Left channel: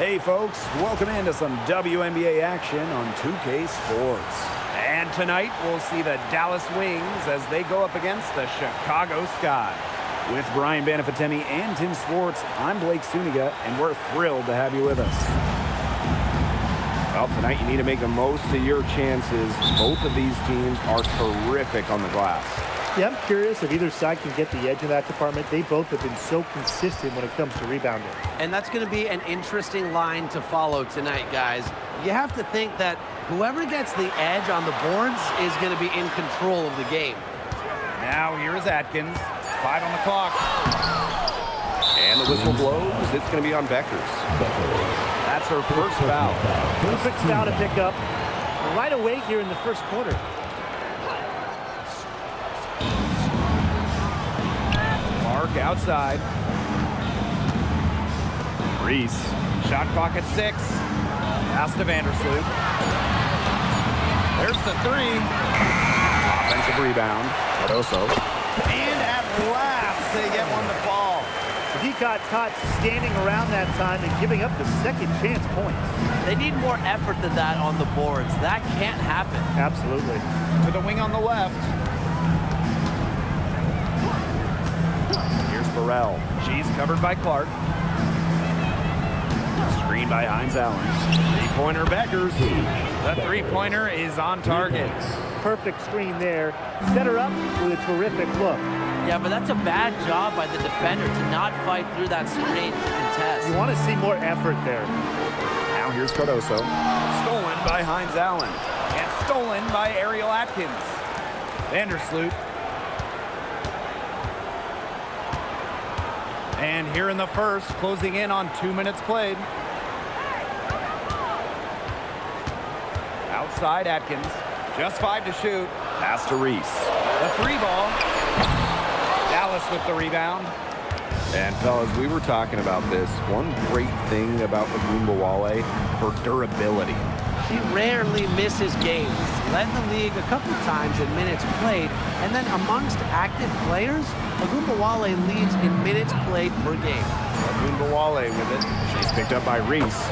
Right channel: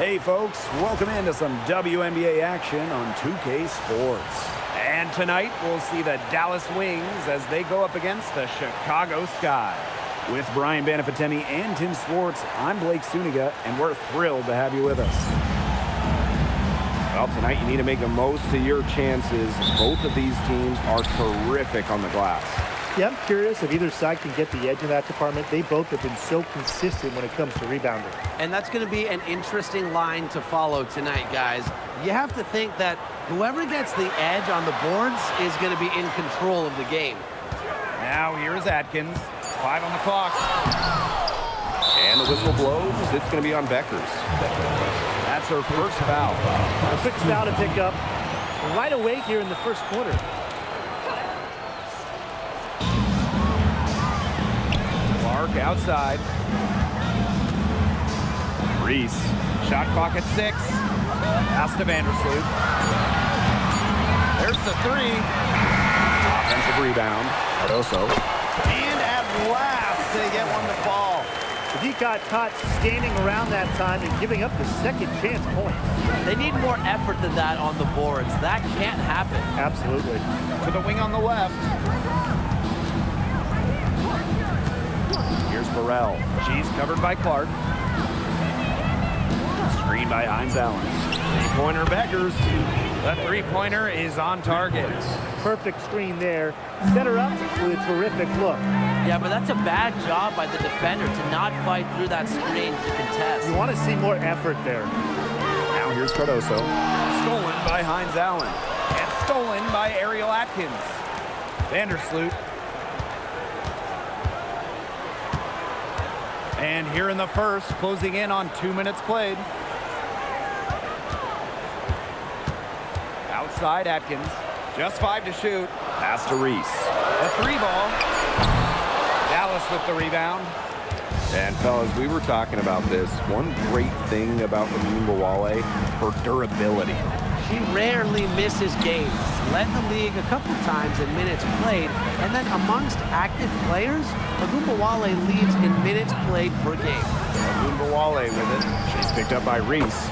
Hey folks, welcome into some WNBA action on 2K Sports. And tonight we'll see the Dallas Wings as they go up against the Chicago Sky. With Brian Banafitemi and Tim Swartz, I'm Blake Suniga, and we're thrilled to have you with us. Well, tonight you need to make the most of your chances. Both of these teams are terrific on the glass. Yeah, I'm curious if either side can get the edge in that department. They both have been so consistent when it comes to rebounding. And that's going to be an interesting line to follow tonight, guys. You have to think that whoever gets the edge on the boards is going to be in control of the game. Now here is Atkins. 5 on the clock. And the whistle blows. It's going to be on Beckers. That's her first foul. Perfect foul to pick up right away here in the first quarter. Clark outside. Reese. Shot clock at 6. Pass to Vandersloot. There's the 3. Offensive rebound. Cardoso. And at last, they get one to fall. If he got caught standing around that time and giving up the second chance points. They need more effort than that on the boards. That can't happen. Absolutely. To the wing on the left. Here's Burrell. She's covered by Clark. Screen by Hines Allen. Three-pointer Beckers. The three-pointer is on target. Perfect screen there. Set her up with a terrific look. Yeah, but that's a bad job by the defender to not fight through that screen to contest. You want to see more effort there. Now here's Cardoso. Stolen by Hines Allen. And stolen by Ariel Atkins. Vandersloot. And here in the first, closing in on 2 minutes played. Outside Atkins. Just 5 to shoot. Pass to Reese. The 3 ball. Dallas with the rebound. And fellas, we were talking about this. One great thing about Ogunbowale, her durability. She rarely misses games. Led the league a couple times in minutes played, and then amongst active players, Ogunbowale leads in minutes played per game. Ogunbowale with it. She's picked up by Reese.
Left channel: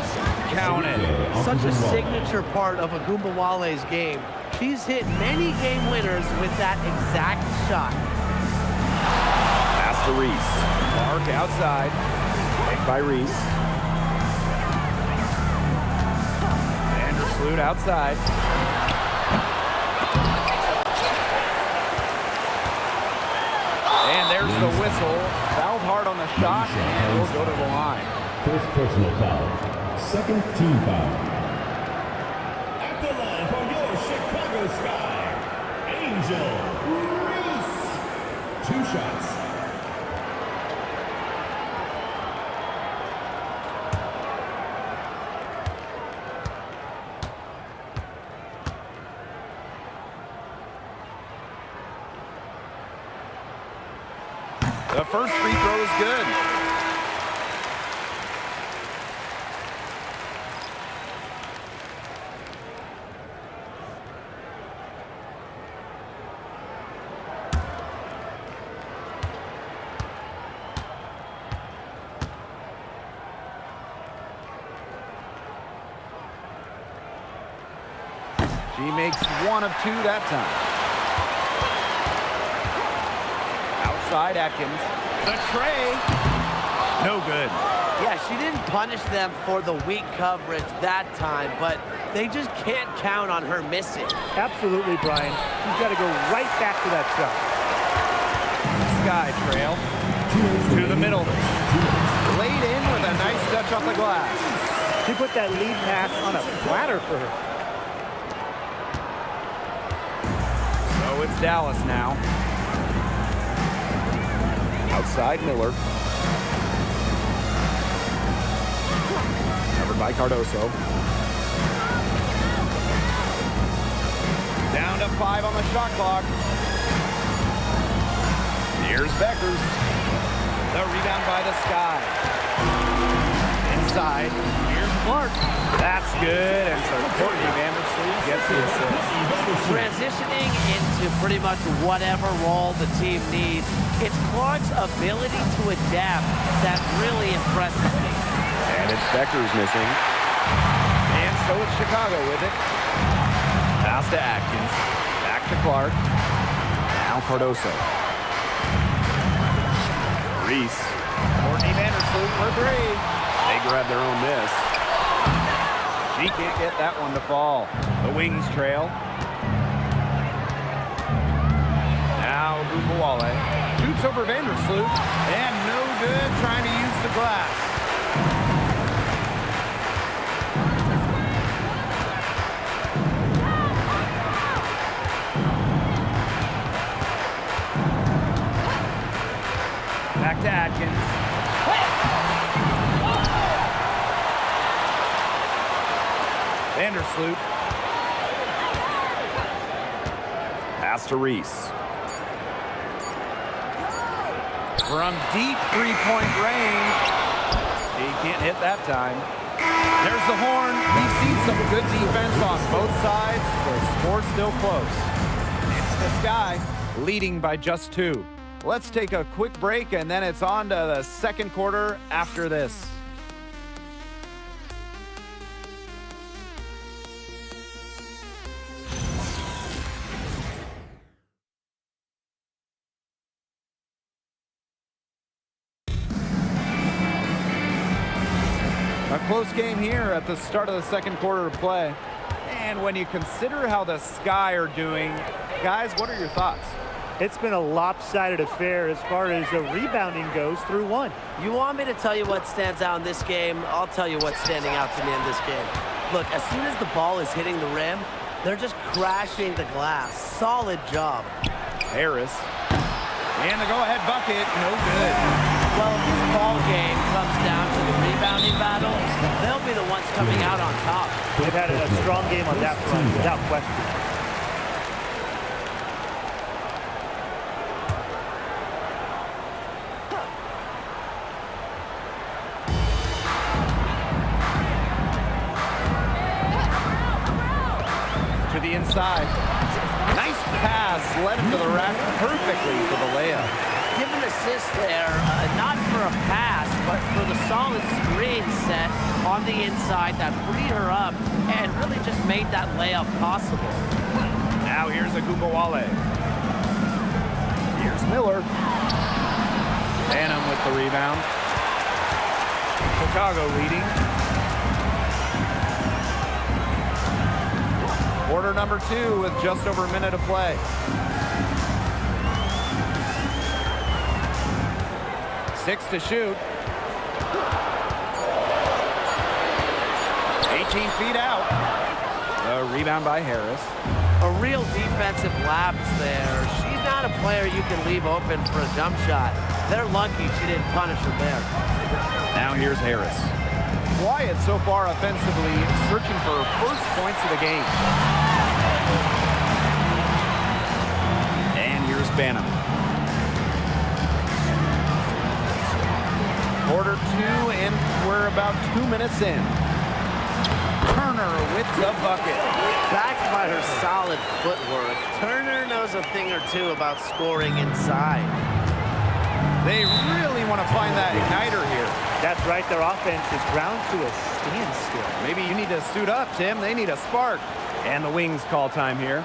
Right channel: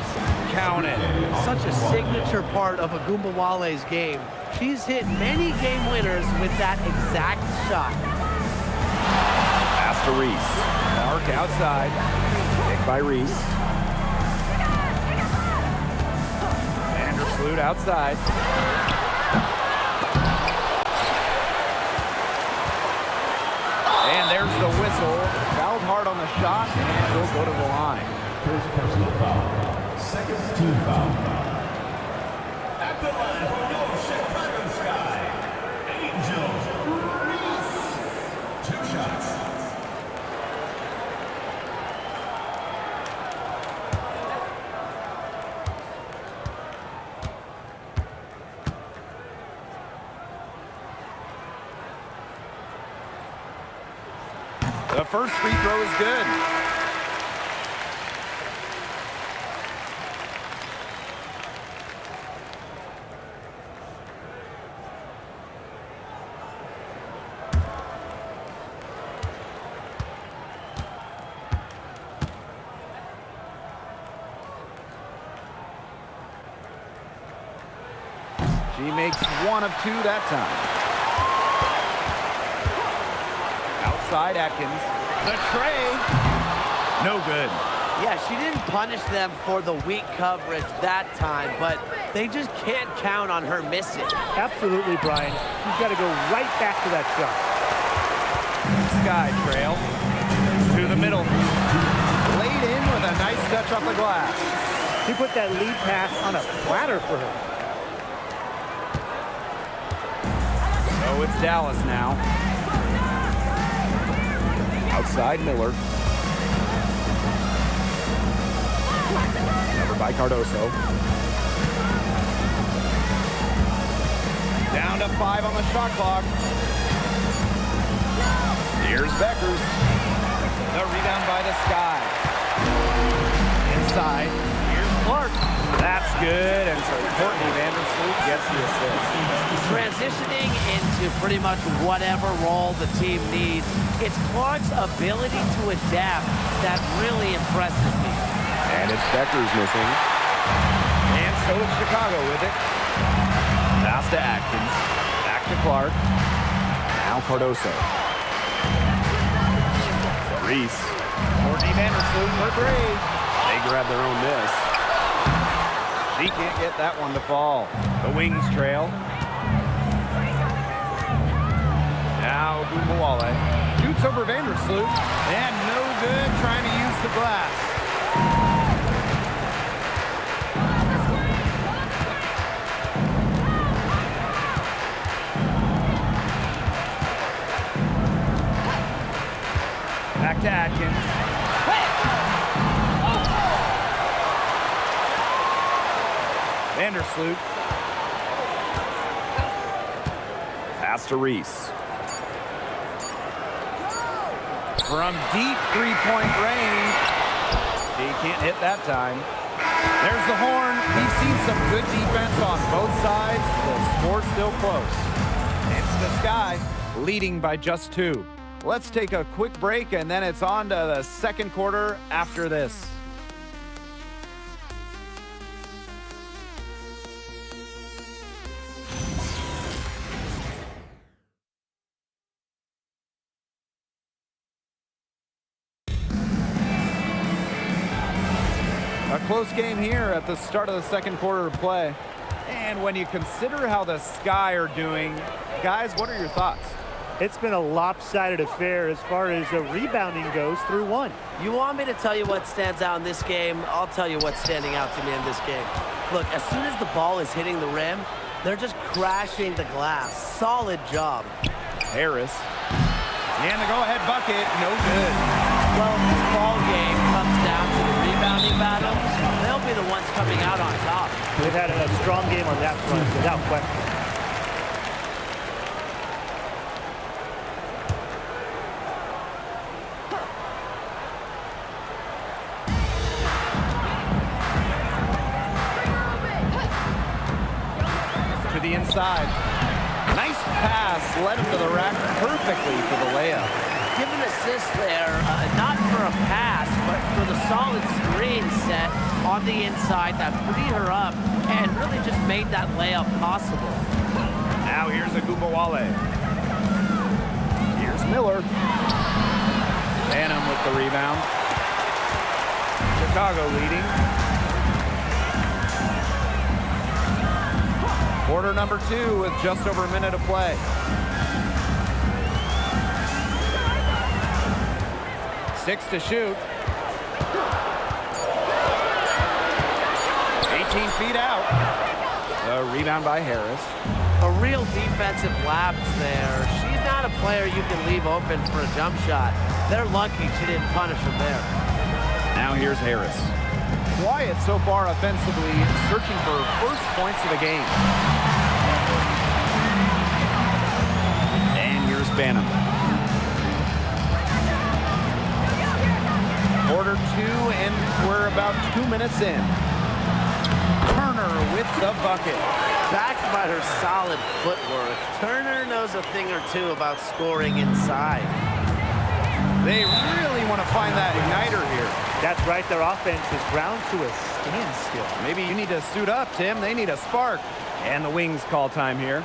Counted. Such a signature part of Ogunbowale's game. She's hit many game winners with that exact shot. Pass to Reese. Clark outside. Picked by Reese. Vandersloot outside. And there's the whistle. Fouled hard on the shot, and will go to the line. First personal foul. Second team foul. At the line for your Chicago Sky, Angel Reese. 2 shots. The first free throw is good. She makes 1 of 2 that time. Outside Atkins. The tray. No good. Yeah, she didn't punish them for the weak coverage that time, but they just can't count on her missing. Absolutely, Brian. She's got to go right back to that shot. Sky trail. To the middle. Laid in with a nice touch off the glass. She put that lead pass on a platter for her. So it's Dallas now. Outside Miller. Covered by Cardoso. Down to 5 on the shot clock. Here's Beckers. The rebound by the Sky. Inside. Here's Clark. That's good, and so Courtney Vandersloot gets the assist. Transitioning into pretty much whatever role the team needs, it's Clark's ability to adapt that really impresses me. And it's Becker's missing. And so it's Chicago with it. Pass to Atkins. Back to Clark. Now Cardoso. Reese. Courtney Vandersloot for three. They grab their own miss. She can't get that one to fall. The Wings trail. Now Ogunbowale shoots over Vandersloot. And no good, trying to use the glass. Back to Atkins. Vandersloot. Pass to Reese. From deep three-point range. She can't hit that time. There's the horn. We've seen some good defense on both sides. The score's still close. It's the Sky leading by just 2. Let's take a quick break, and then it's on to the second quarter after this. A close game here at the start of the second quarter of play. And when you consider how the Sky are doing, guys, what are your thoughts? It's been a lopsided affair as far as rebounding goes through 1. You want me to tell you what stands out in this game? I'll tell you what's standing out to me in this game. Look, as soon as the ball is hitting the rim, they're just crashing the glass. Solid job. Harris. And the go-ahead bucket, no good. Well, if this ball game comes down to the rebounding battle, they'll be the ones coming out on top. They've had a strong game on that front, without question. To the inside. Nice pass, led him to the rack perfectly for the layup. Give an assist there, not for a pass, but for the solid screen set on the inside that freed her up and really just made that layup possible. Now here's Ogunbowale. Here's Miller. Banham with the rebound. Chicago leading. Quarter number 2 with just over a minute to play. 6 to shoot. 18 feet out. The rebound by Harris. A real defensive lapse there. She's not a player you can leave open for a jump shot. They're lucky she didn't punish him there. Now here's Harris. Quiet so far offensively, searching for first points of the game. And here's Banham. Quarter 2, and we're about 2 minutes in. Turner with the bucket. Backed by her solid footwork, Turner knows a thing or two about scoring inside. They really want to find that igniter here. That's right, their offense is ground to a standstill. Maybe you need to suit up, Tim. They need a spark. And the Wings call time here.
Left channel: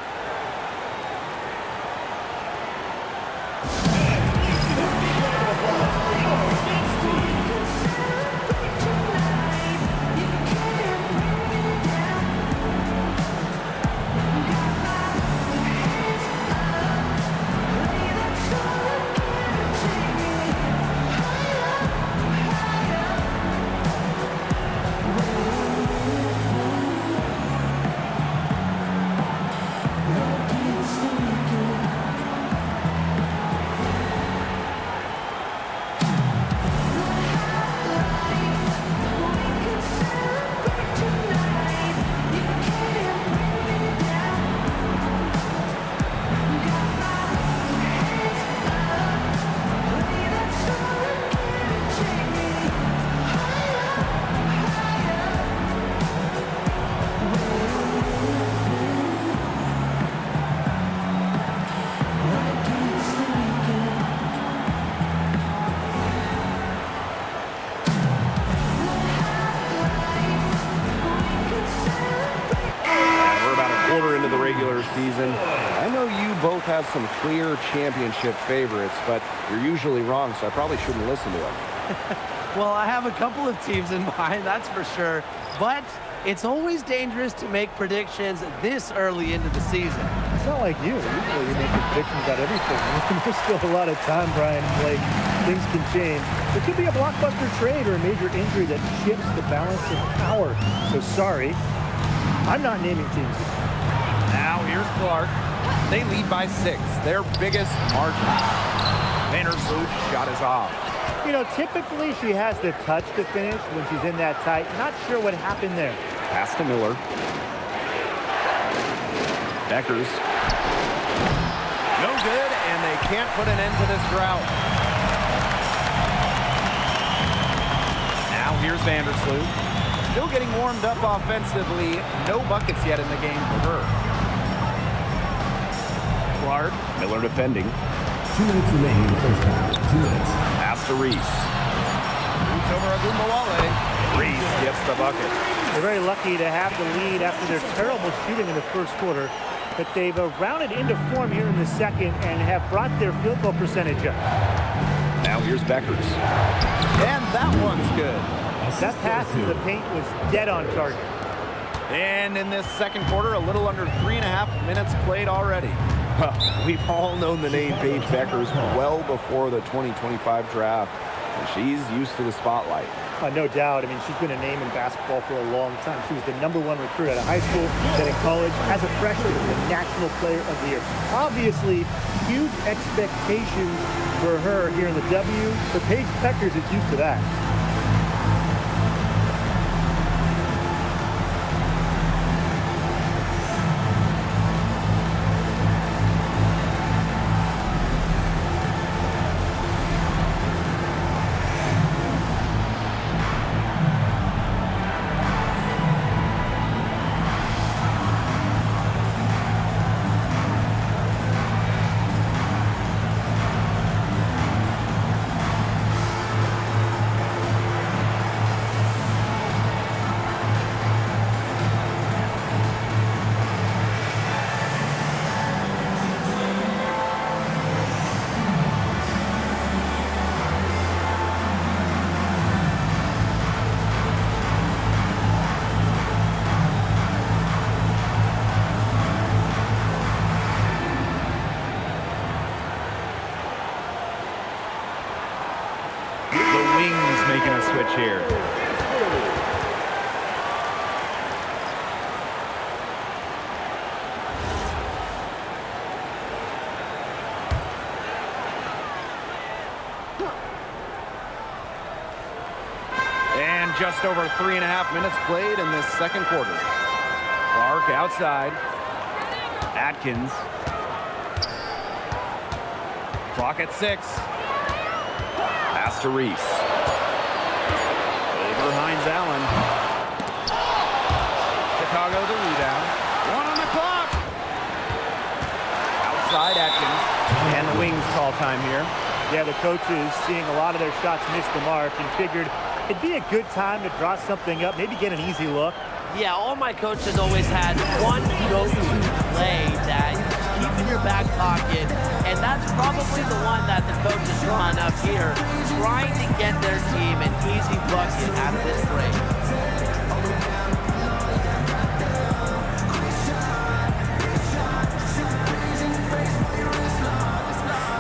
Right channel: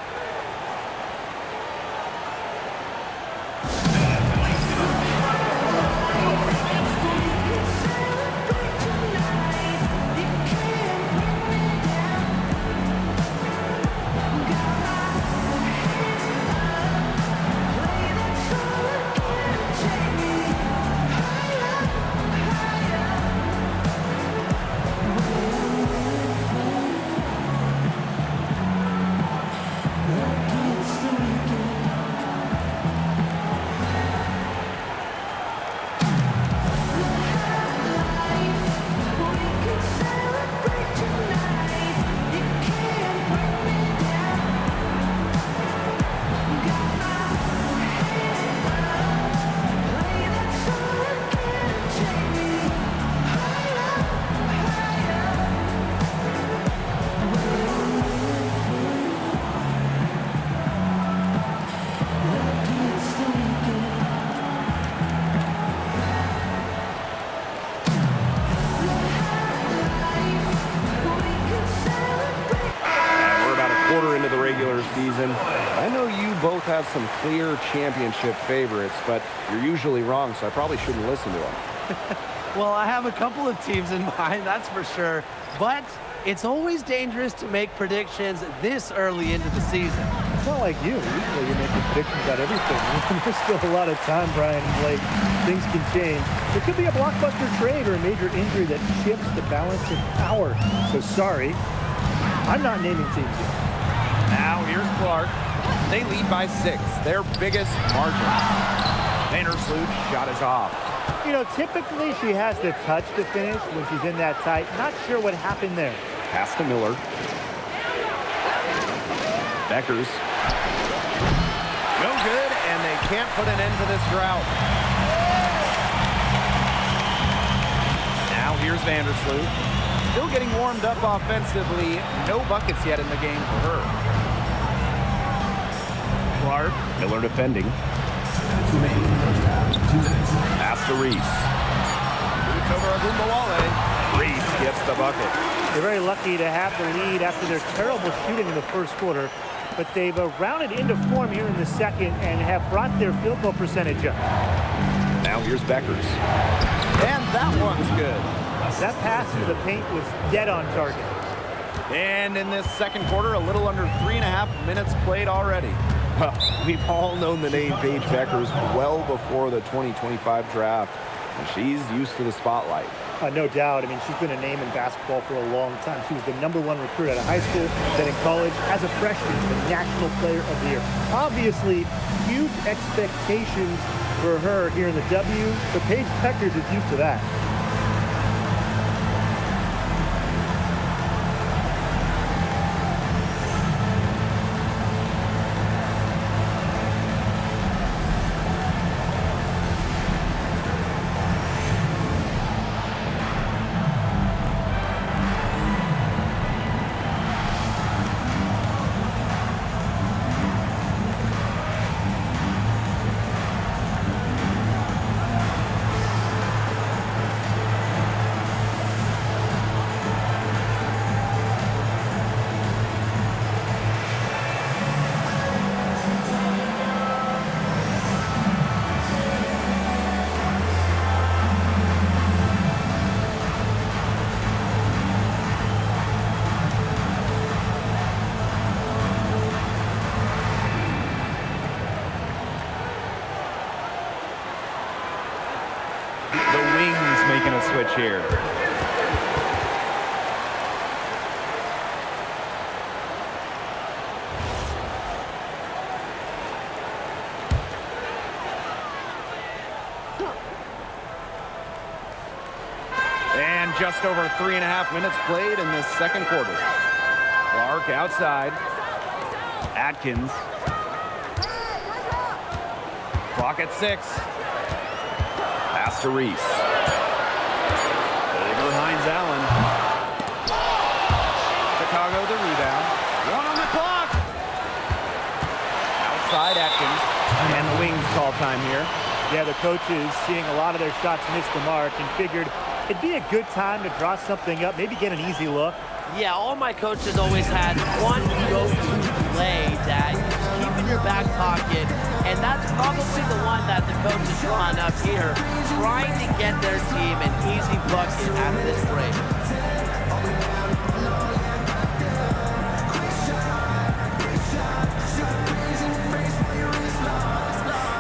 quarter into the regular season. I know you both have some clear championship favorites, but you're usually wrong, so I probably shouldn't listen to them. Well, I have a couple of teams in mind, that's for sure. But it's always dangerous to make predictions this early into the season. It's not like you. Usually you're making predictions about everything. There's still a lot of time, Brian and Blake. Things can change. There could be a blockbuster trade or a major injury that shifts the balance of power. So sorry, I'm not naming teams yet. Now here's Clark. They lead by 6, their biggest margin. Vandersloot's shot is off. You know, typically she has the touch to finish when she's in that tight. Not sure what happened there. Pass to Miller. Beckers. No good, and they can't put an end to this drought. Now here's Vandersloot. Still getting warmed up offensively. No buckets yet in the game for her. Clark. Miller defending. 2 minutes remaining in the first half. 2 minutes. Pass to Reese. Boots over Agumbawale. Reese gets the bucket. They're very lucky to have the lead after their terrible shooting in the first quarter, but they've rounded into form here in the second and have brought their field goal percentage up. Now here's Beckers. And that one's good. That pass into the paint was dead on target. And in this second quarter, a little under 3.5 minutes played already. We've all known the name Paige Beckers well before the 2025 draft, and she's used to the spotlight. No doubt. I mean, she's been a name in basketball for a long time. She was the #1 recruit out of high school, then in college, as a freshman, the National Player of the Year. Obviously, huge expectations for her here in the W, but Paige Beckers is used to that. The Wings making a switch here. And just over 3.5 minutes played in this second quarter. Clark outside. Atkins. Clock at 6. Pass to Reese. Over Hines Allen. Chicago the rebound. 1 on the clock. Outside Atkins. And the Wings call time here. Yeah, the coaches seeing a lot of their shots miss the mark and figured it'd be a good time to draw something up, maybe get an easy look. Yeah, all my coaches always had one go-to play that you keep in your back pocket, and that's probably the one that the coach is drawing up here, trying to get their team an easy bucket out of this break.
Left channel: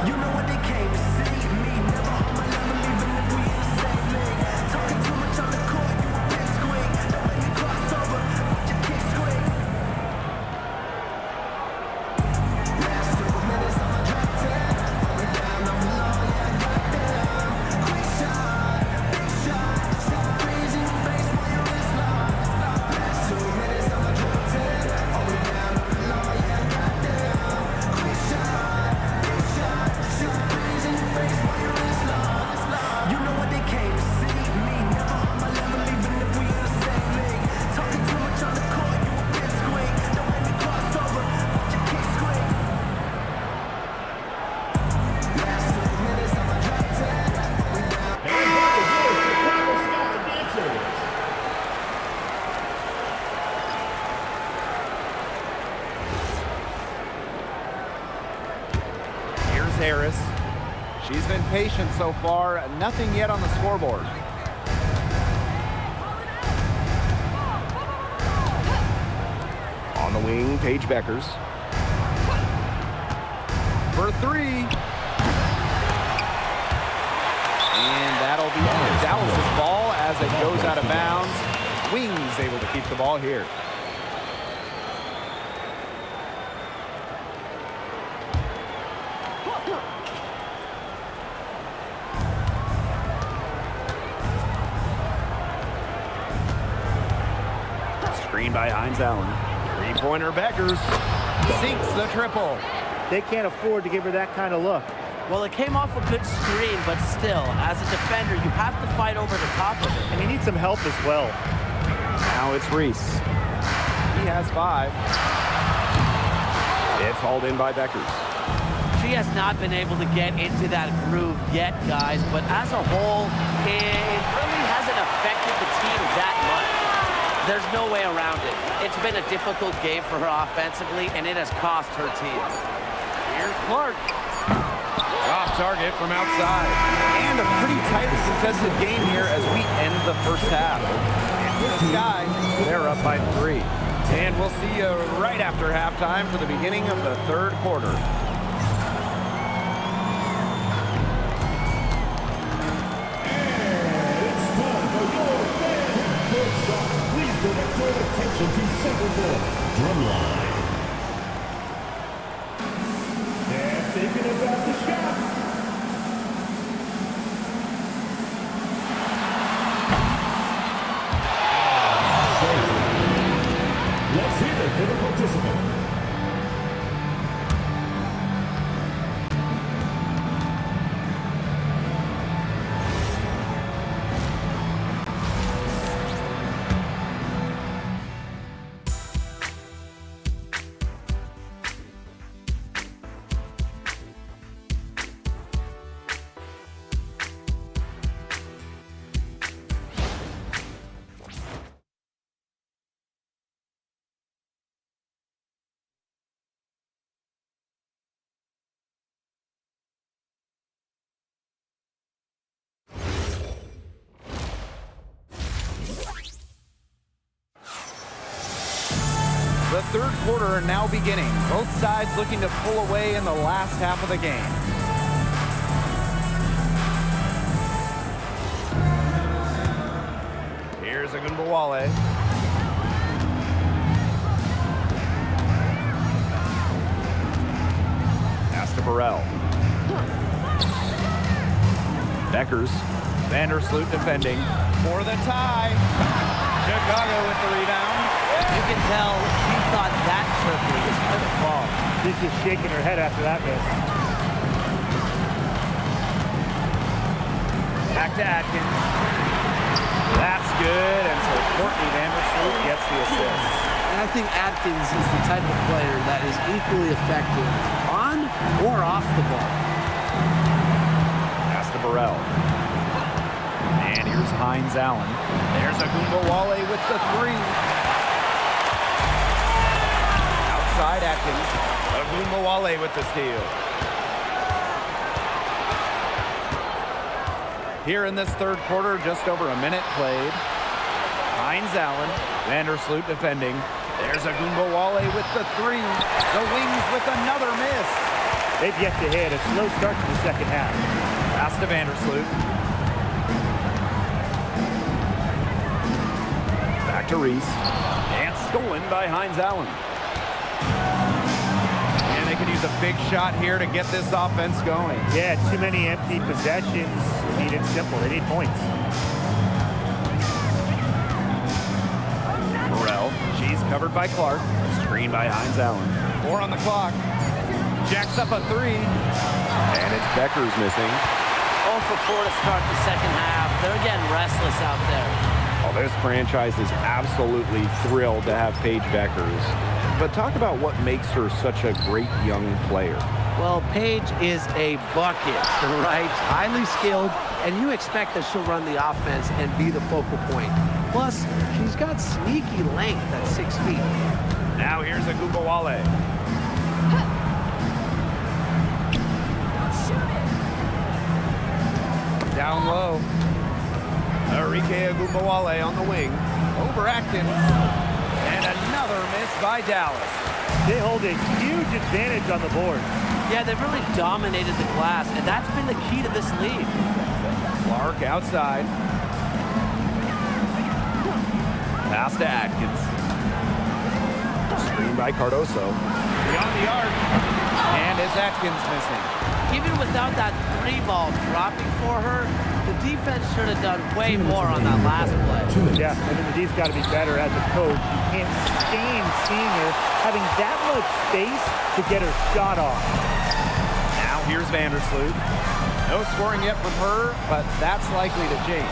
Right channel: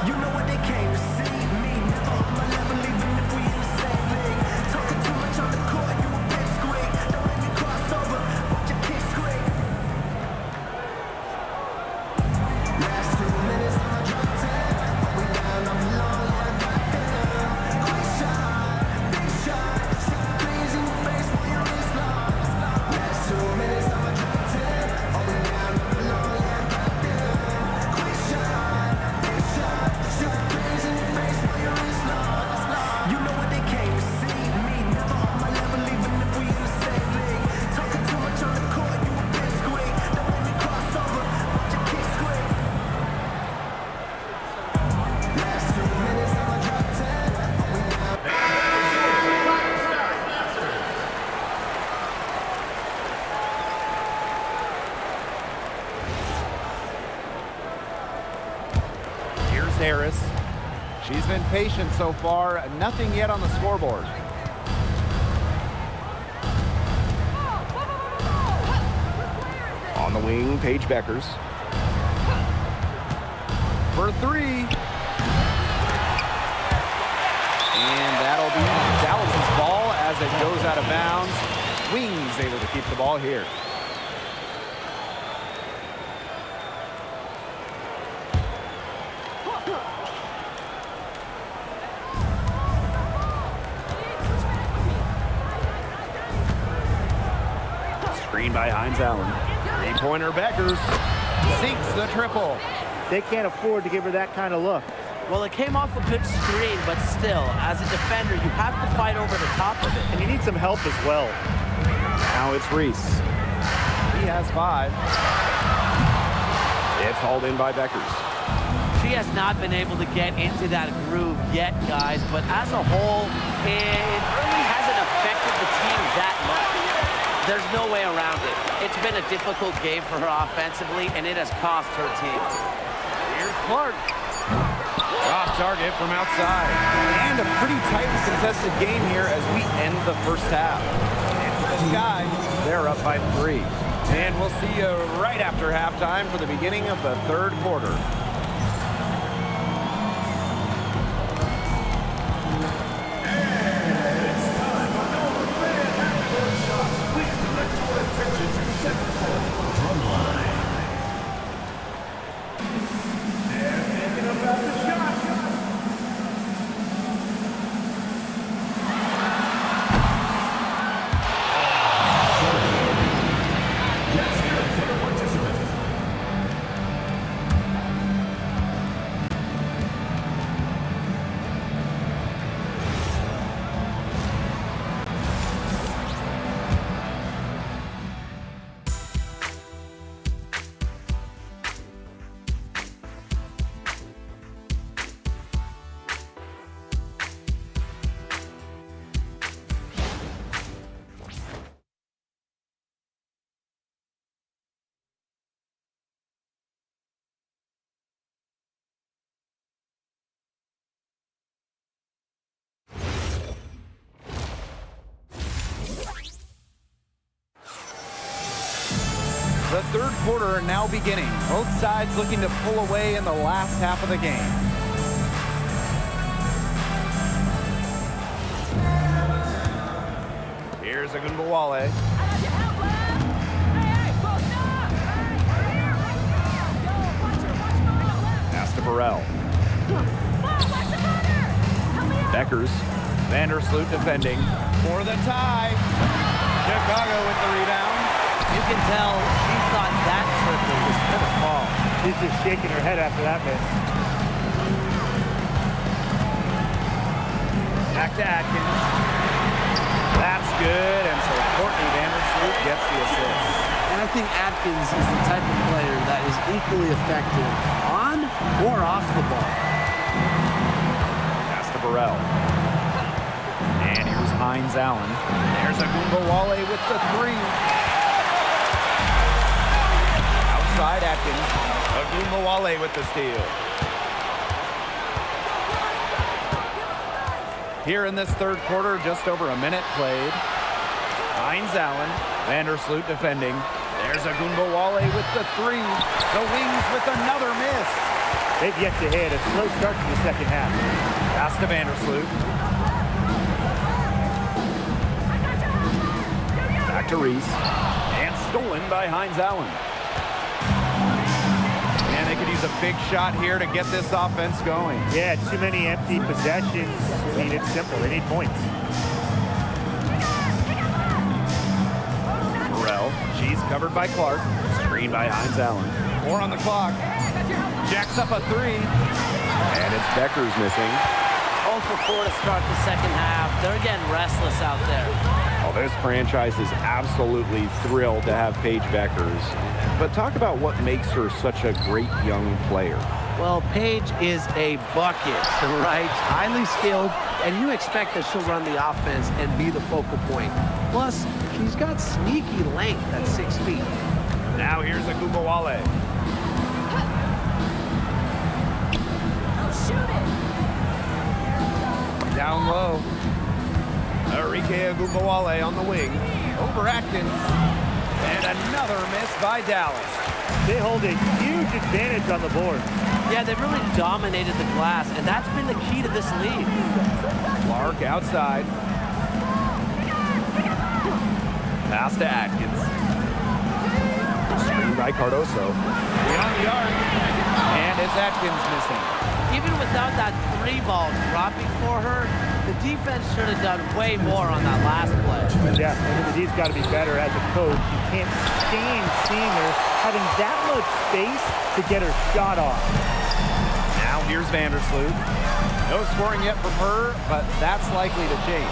You know what they came to see, me never on my level, even if we in the same league. Talking too much on the court, you a big squeak. Don't let me cross over, watch your kick squeak. Last 2 minutes, I'ma drop 10. Are we down, I'm alone, yeah, I got them. Quick shot, big shot. 6 threes in your face while you're Here's Harris. She's been patient so far. Nothing yet on the scoreboard. On the wing, Paige Beckers. For three. And that'll be Dallas's ball as it goes out of bounds. Wings able to keep the ball here. Screen by Hines Allen. Three-pointer Beckers. Sinks the triple. They can't afford to give her that kind of look. Well, it came off a good screen, but still, as a defender, you have to fight over the top of it. And you need some help as well. Now it's Reese. He has 5. It's hauled in by Beckers. She has not been able to get into that groove yet, guys, but as a whole, it really hasn't affected the team that much. There's no way around it. It's been a difficult game for her offensively, and it has cost her team. Here's Clark. Off target from outside. And a pretty tightly contested game here as we end the first half. It's the Sky. They're up by 3. And we'll see you right after halftime for the beginning of the third quarter. Drumline. They're thinking about the shot. Let's hear it for the participant. The third quarter now beginning. Both sides looking to pull away in the last half of the game. Here's Agunbowale. Pass to Burrell. Beckers. Vandersloot defending for the tie. Chicago with the rebound. You can tell she thought that triple was going to fall. She's just shaking her head after that miss. Back to Atkins. That's good, and so Courtney Vandersloot gets the assist. And I think Atkins is the type of player that is equally effective on or off the ball. Pass to Burrell. And here's Hines Allen. There's Agunbowale with the 3. Outside Atkins. Agunbowale with the steal. Here in this third quarter, just over a minute played. Hines Allen. Vandersloot defending. There's Agunbowale with the 3. The Wings with another miss. They've yet to hit a slow start to the second half. Pass to Vandersloot. Back to Reese. And stolen by Hines Allen. And they could use a big shot here to get this offense going. Yeah, too many empty possessions. I mean, it's simple. They need points. Burrell. She's covered by Clark. Screen by Hines Allen. 4 on the clock. Jacks up a 3. And it's Beckers missing. 0 for 4 to start the second half. They're getting restless out there. Oh, this franchise is absolutely thrilled to have Paige Beckers. But talk about what makes her such a great young player. Well, Paige is a bucket, right? Highly skilled, and you expect that she'll run the offense and be the focal point. Plus, she's got sneaky length at 6 feet. Now here's Agunbowale. Down low. Enrique Agumbawale on the wing. Over Atkins. And another miss by Dallas. They hold a huge advantage on the boards. Yeah, they've really dominated the glass, and that's been the key to this lead. Clark outside. Pass to Atkins. Screen by Cardoso. Beyond the arc. And it's Atkins missing. Even without that 3-ball dropping for her, the defense should have done way more on that last play. Yeah, I mean, the D's got to be better as a coach. You can't stand seeing her having that much space to get her shot off. Now here's Vandersloot. No scoring yet from her, but that's likely to change.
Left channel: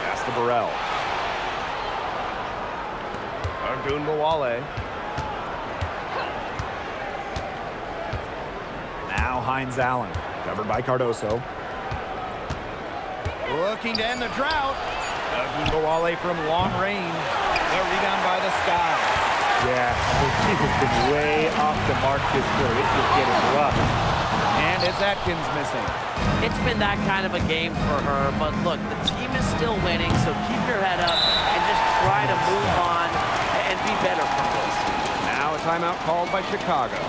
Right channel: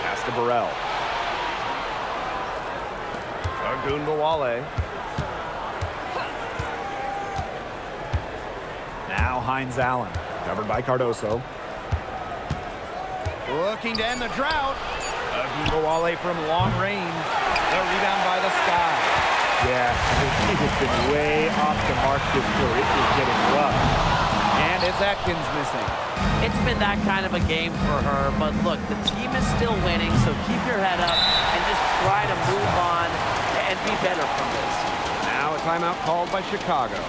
Pass to Burrell. Agumbawale. Now Hines Allen, covered by Cardoso. Looking to end the drought. Agumbawale from long range. The rebound by the Sky. Yeah, I mean, she has been way off the mark this quarter. It's just getting rough. And it's Atkins missing. It's been that kind of a game for her, but look, the team is still winning, so keep your head up and just try to move on and be better from this. Now a timeout called by Chicago.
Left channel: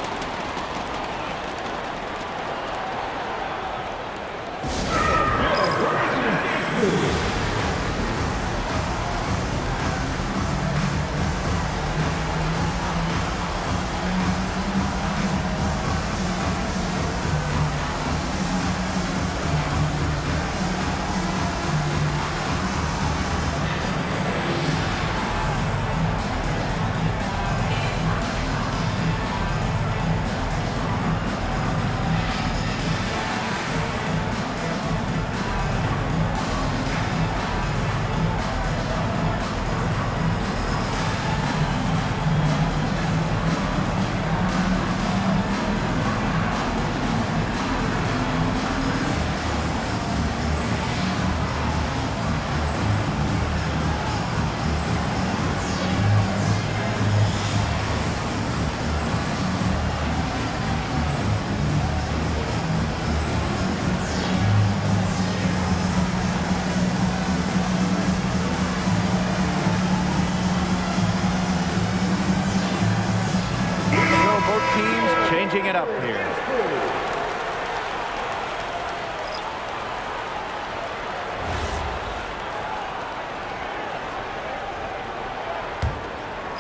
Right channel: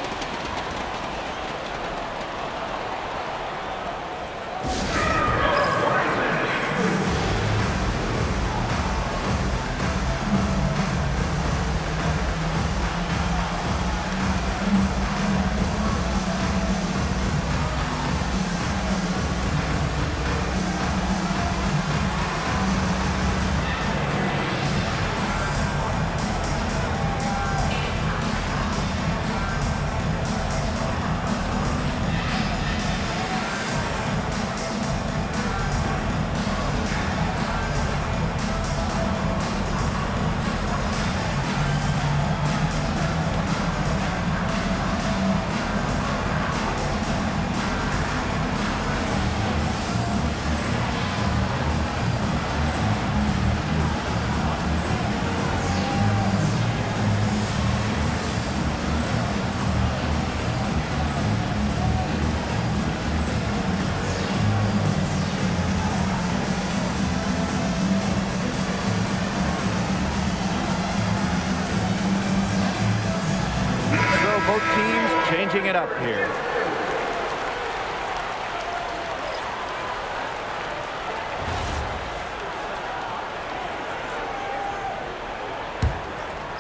Both teams changing it up here.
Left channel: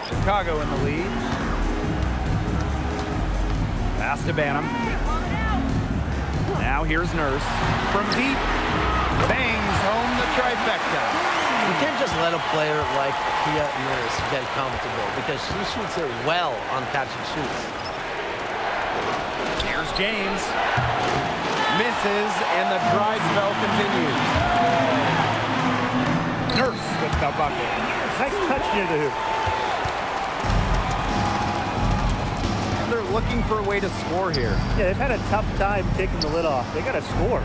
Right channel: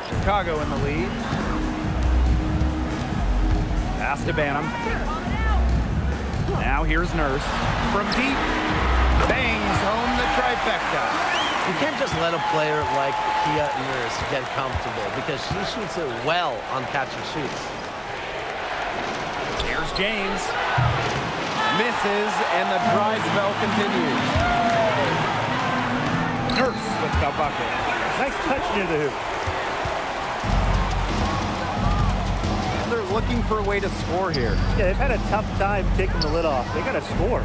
Chicago in the lead. Pass to Banham. Now here's Nurse. From deep, bangs home the trifecta. You can't just let a player like Kia Nurse get comfortable because she shoots it well on catch and shoots. Here's James. Misses, and the dry spell continues. Nurse with the bucket. Nice touch near the hoop. And they're looking for a way to score here. Yeah, they've had a tough time taking the lid off. They got to score.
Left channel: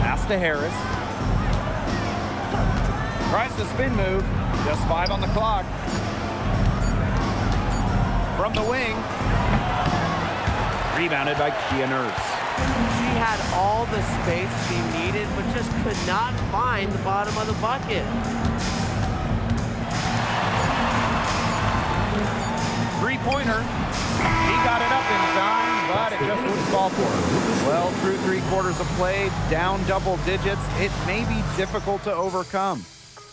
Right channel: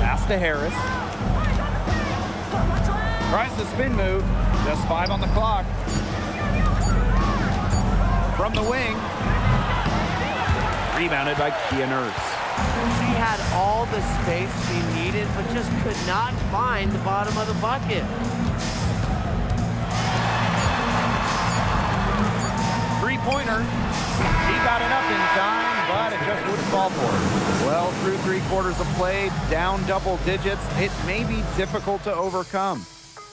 Pass to Harris. Tries the spin move. Just 5 on the clock. From the wing. Rebounded by Kia Nurse. She had all the space she needed, but just could not find the bottom of the bucket. Three-pointer. She got it up in time, but it just wouldn't fall for her. Well, through 3 quarters of play, down double digits, it may be difficult to overcome.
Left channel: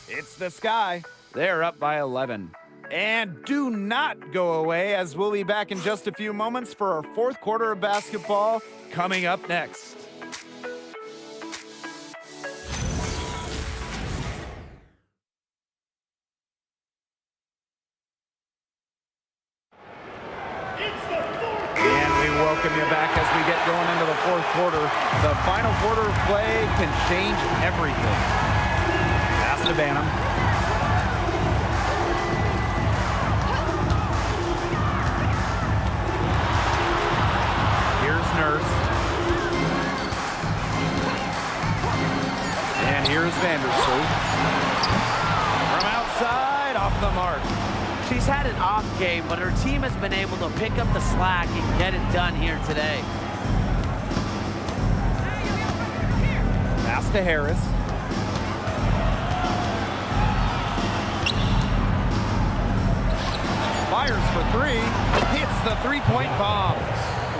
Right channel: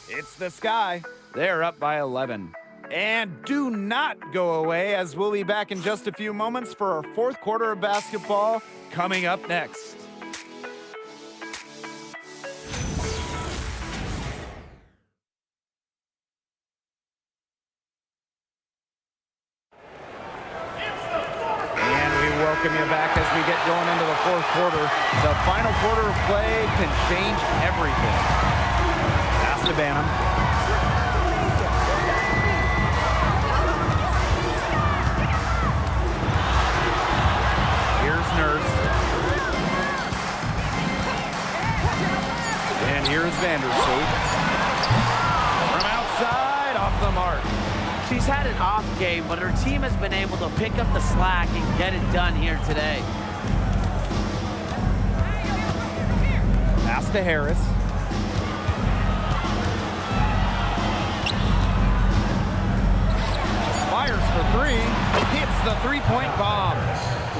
It's the Sky. They're up by 11. And do not go away, as we'll be back in just a few moments for our 4th quarter of basketball coming up next. And we welcome you back as we get going into the 4th quarter. The final quarter of play can change everything. Pass to Banham. Here's Nurse. And here's Vandersloot. From outside, off the mark. She's had an off game, but her team has been able to pick up the slack and get it done here today. Pass to Harris. Fires for three. Hits the three-point bomb.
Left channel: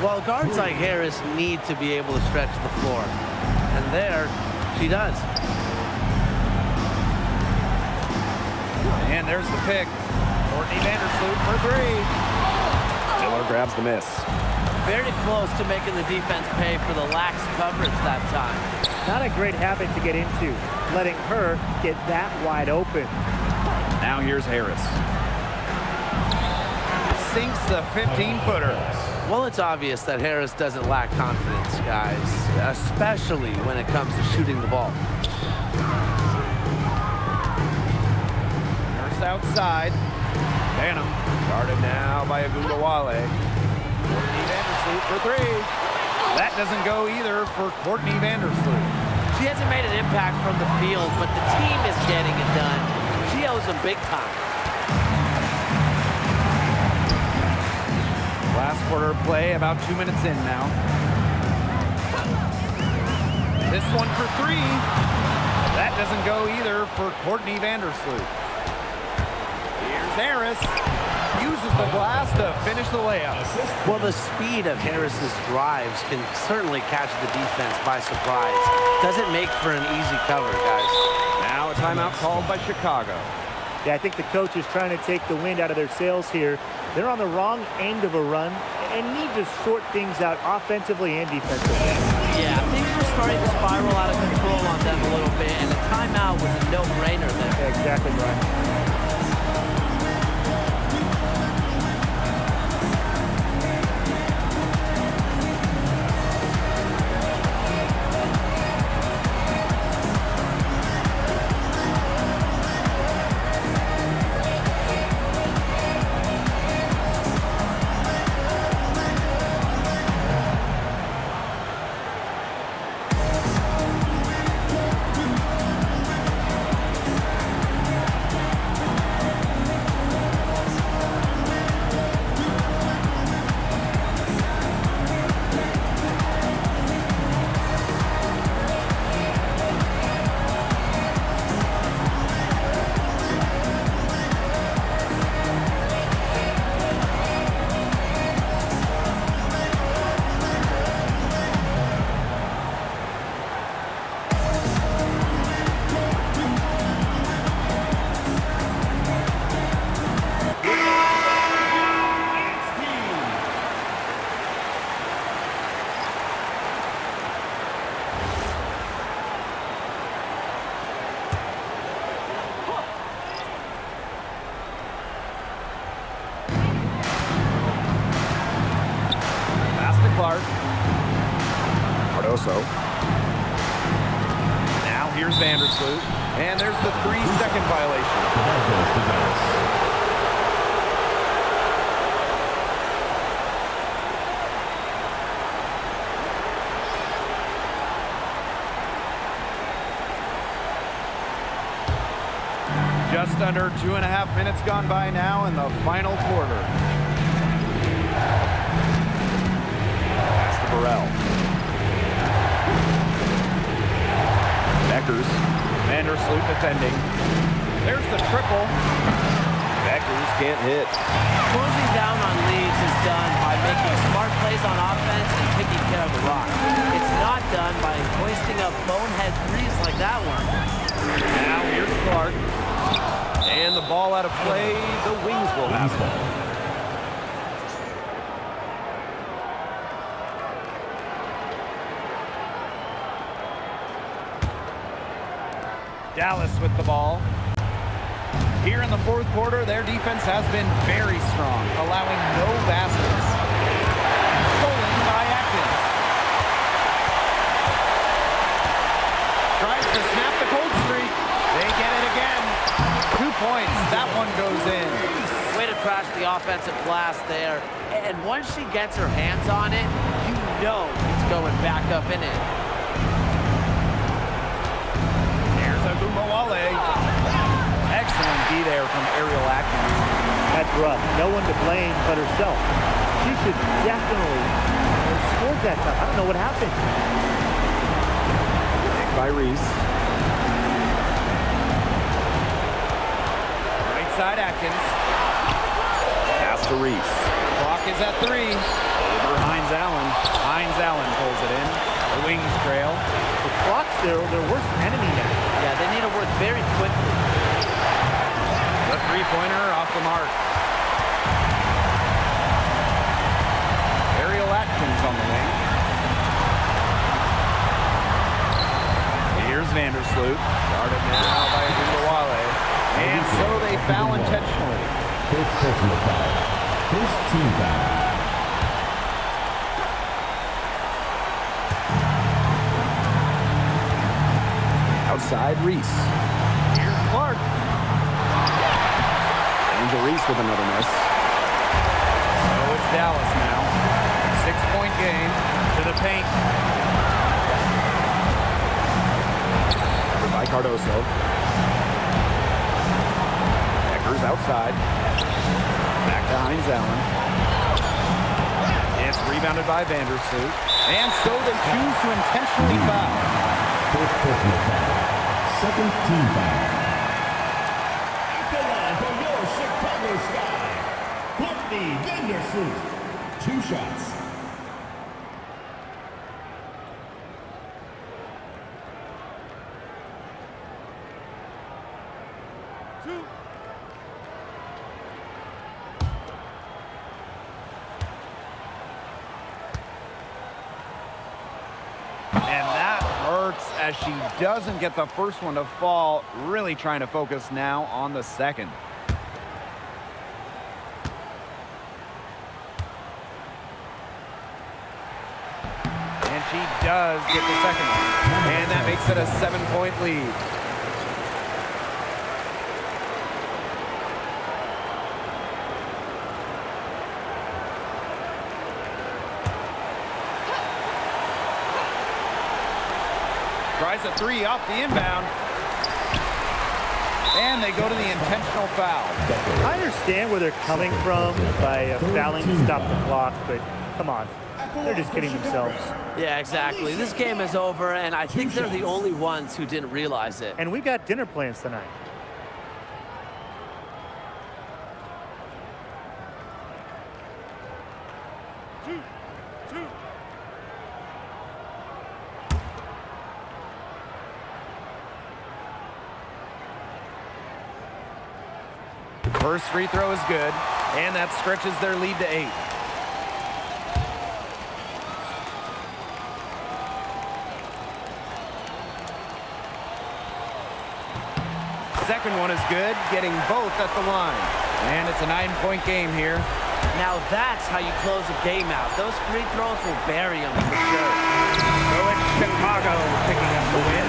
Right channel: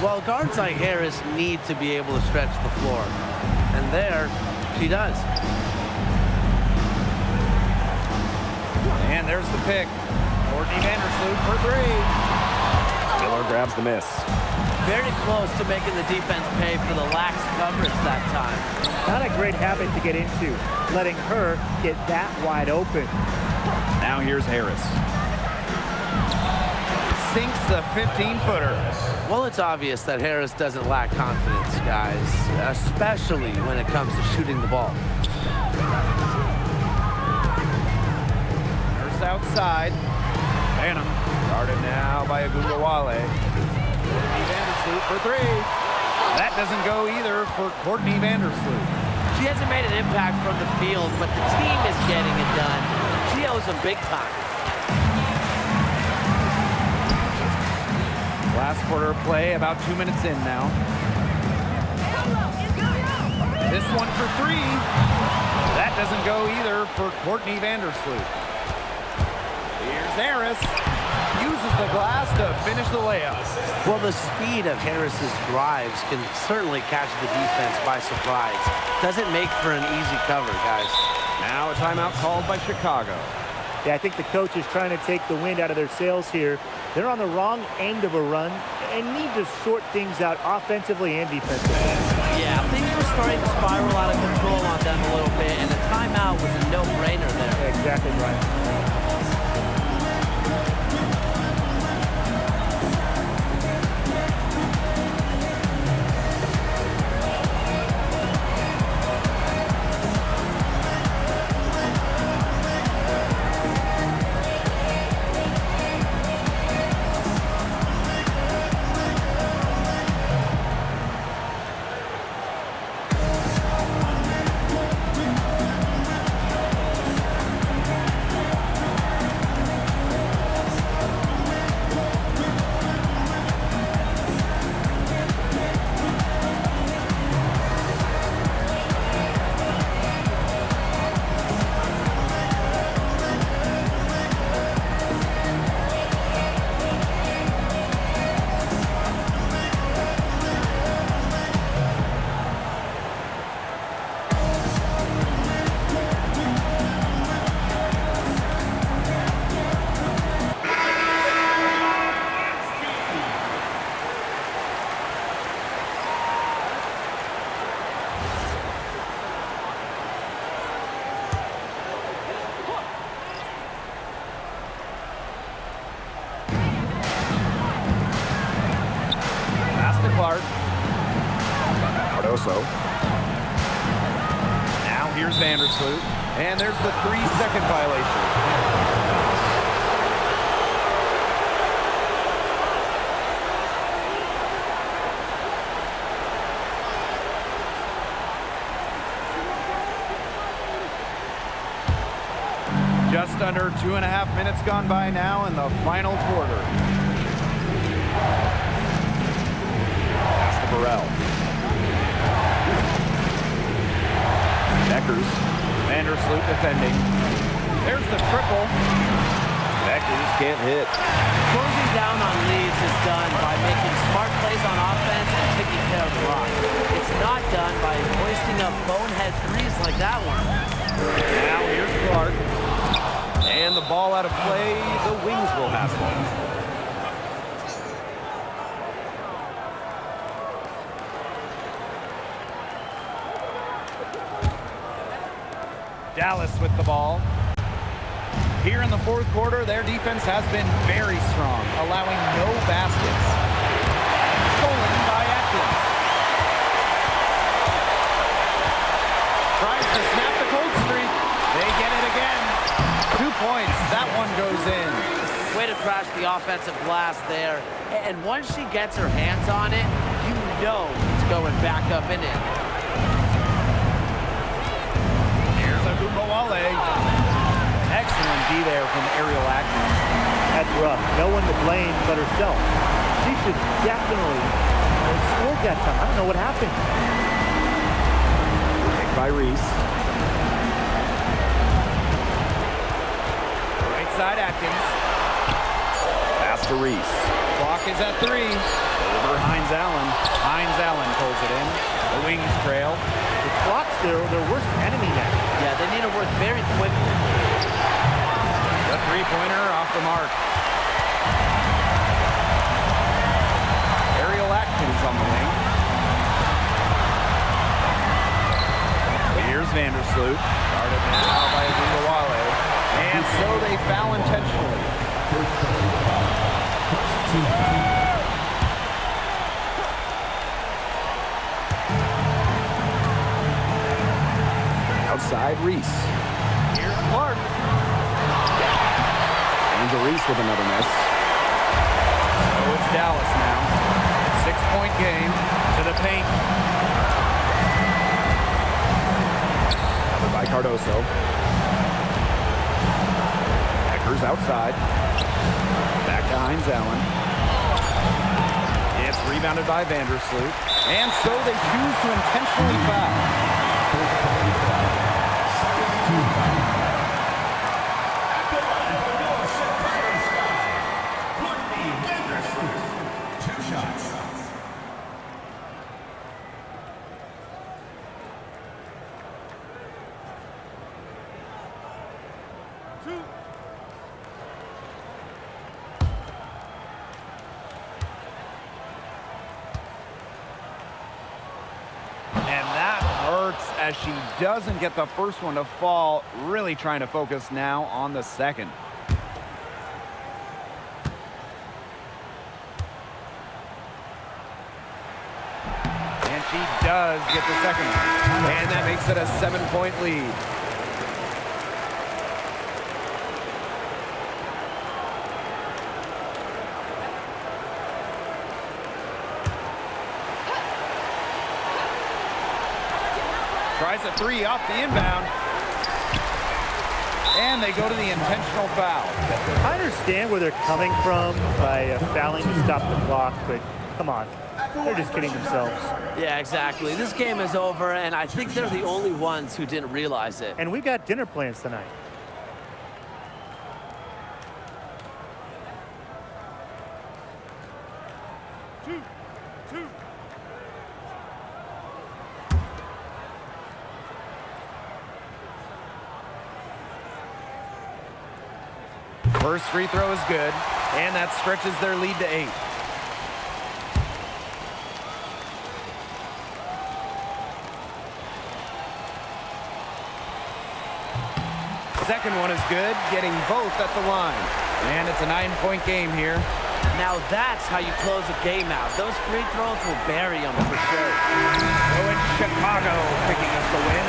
Well, guards like Harris need to be able to stretch the floor. And there, she does. And there's the pick. Courtney Vandersloot for three. Miller grabs the miss. Very close to making the defense pay for the lax coverage that time. Not a great habit to get into, letting her get that wide open. Now here's Harris. Sinks the 15-footer. Well, it's obvious that Harris doesn't lack confidence, guys, especially when it comes to shooting the ball. Nurse outside. Banham guarded now by Agundawale. Courtney Vandersloot for three. That doesn't go either for Courtney Vandersloot. She hasn't made an impact from the field, but the team is getting it done. She owes them big time. Last quarter of play, about 2 minutes in now. This one for three. That doesn't go either for Courtney Vandersloot. Here's Harris. Uses the glass to finish the layup. Well, the speed of Harris's drives can certainly catch the defense by surprise. Doesn't make for an easy cover, guys. Now a timeout called by Chicago. Yeah, I think the coach is trying to take the wind out of their sails here. They're on the wrong end of a run and need to sort things out offensively and defensively. Yeah, things were starting to spiral out of control on them a little bit, and a timeout was a no-brainer there. Yeah, exactly, Brian. Clark. Cardoso. Now here's Vandersloot. And there's the 3-second violation. Just under 2.5 minutes gone by now in the final quarter. Burrell. Beckers. Vandersloot defending. There's the triple. Beckers can't hit. Closing down on leads is done by making smart plays on offense and taking care of the rock. It's not done by hoisting up bonehead threes like that one. Now here's Clark. And the ball out of play. The Wings will have it. Dallas with the ball. Here in the fourth quarter, their defense has been very strong, allowing no baskets. Stolen by Atkins. Tries to snap the cold streak. They get it again. 2 points. That one goes in. Way to crash the offensive glass there. And once she gets her hands on it, you know it's going back up and in. Here's Agundawale. Excellent D there from Ariel Atkins. That's rough. No one to blame but herself. She should definitely have scored that time. I don't know what happened. Picked by Reese. Right side Atkins. Pass to Reese. Clock is at 3. Over Hines Allen. Hines Allen pulls it in. The Wings trail. The clock's their worst enemy now. Yeah, they need to work very quickly. The three-pointer off the mark. Ariel Atkins on the wing. Here's Vandersloot. Guarded now by Agungbawale. And so they foul intentionally. First personal foul. First team foul. Outside Reese. Here's Clark. Angel Reese with another miss. So it's Dallas now. 6-point game to the paint. Covered by Cardoso. Eckers outside. Back to Hines Allen. It's rebounded by Vandersloot. And so they choose to intentionally foul. First personal foul. Second team foul. At the line for your Chicago Sky, Courtney Vandersloot. 2 shots. And that hurts as she doesn't get the first one to fall. Really trying to focus now on the second. And she does get the second one. And that makes it a 7-point lead. Tries a 3 off the inbound. And they go to the intentional foul. I understand where they're coming from by fouling to stop the clock, but come on. They're just kidding themselves. Yeah, exactly. This game is over, and I think they're the only ones who didn't realize it. And we've got dinner plans tonight. First free throw is good, and that stretches their lead to 8. Second one is good, getting both at the line. And it's a 9-point game here. Now that's how you close a game out. Those free throws will bury them for sure. So it's Chicago picking up the win.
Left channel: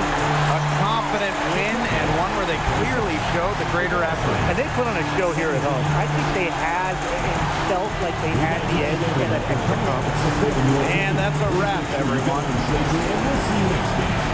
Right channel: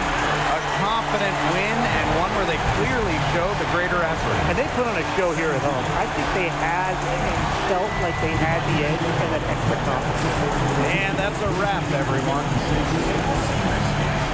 A confident win and one where they clearly showed the greater effort. And they put on a show here at home. I think they had and felt like they had the edge and that extra confidence. And that's a wrap, everyone. We'll see you next game.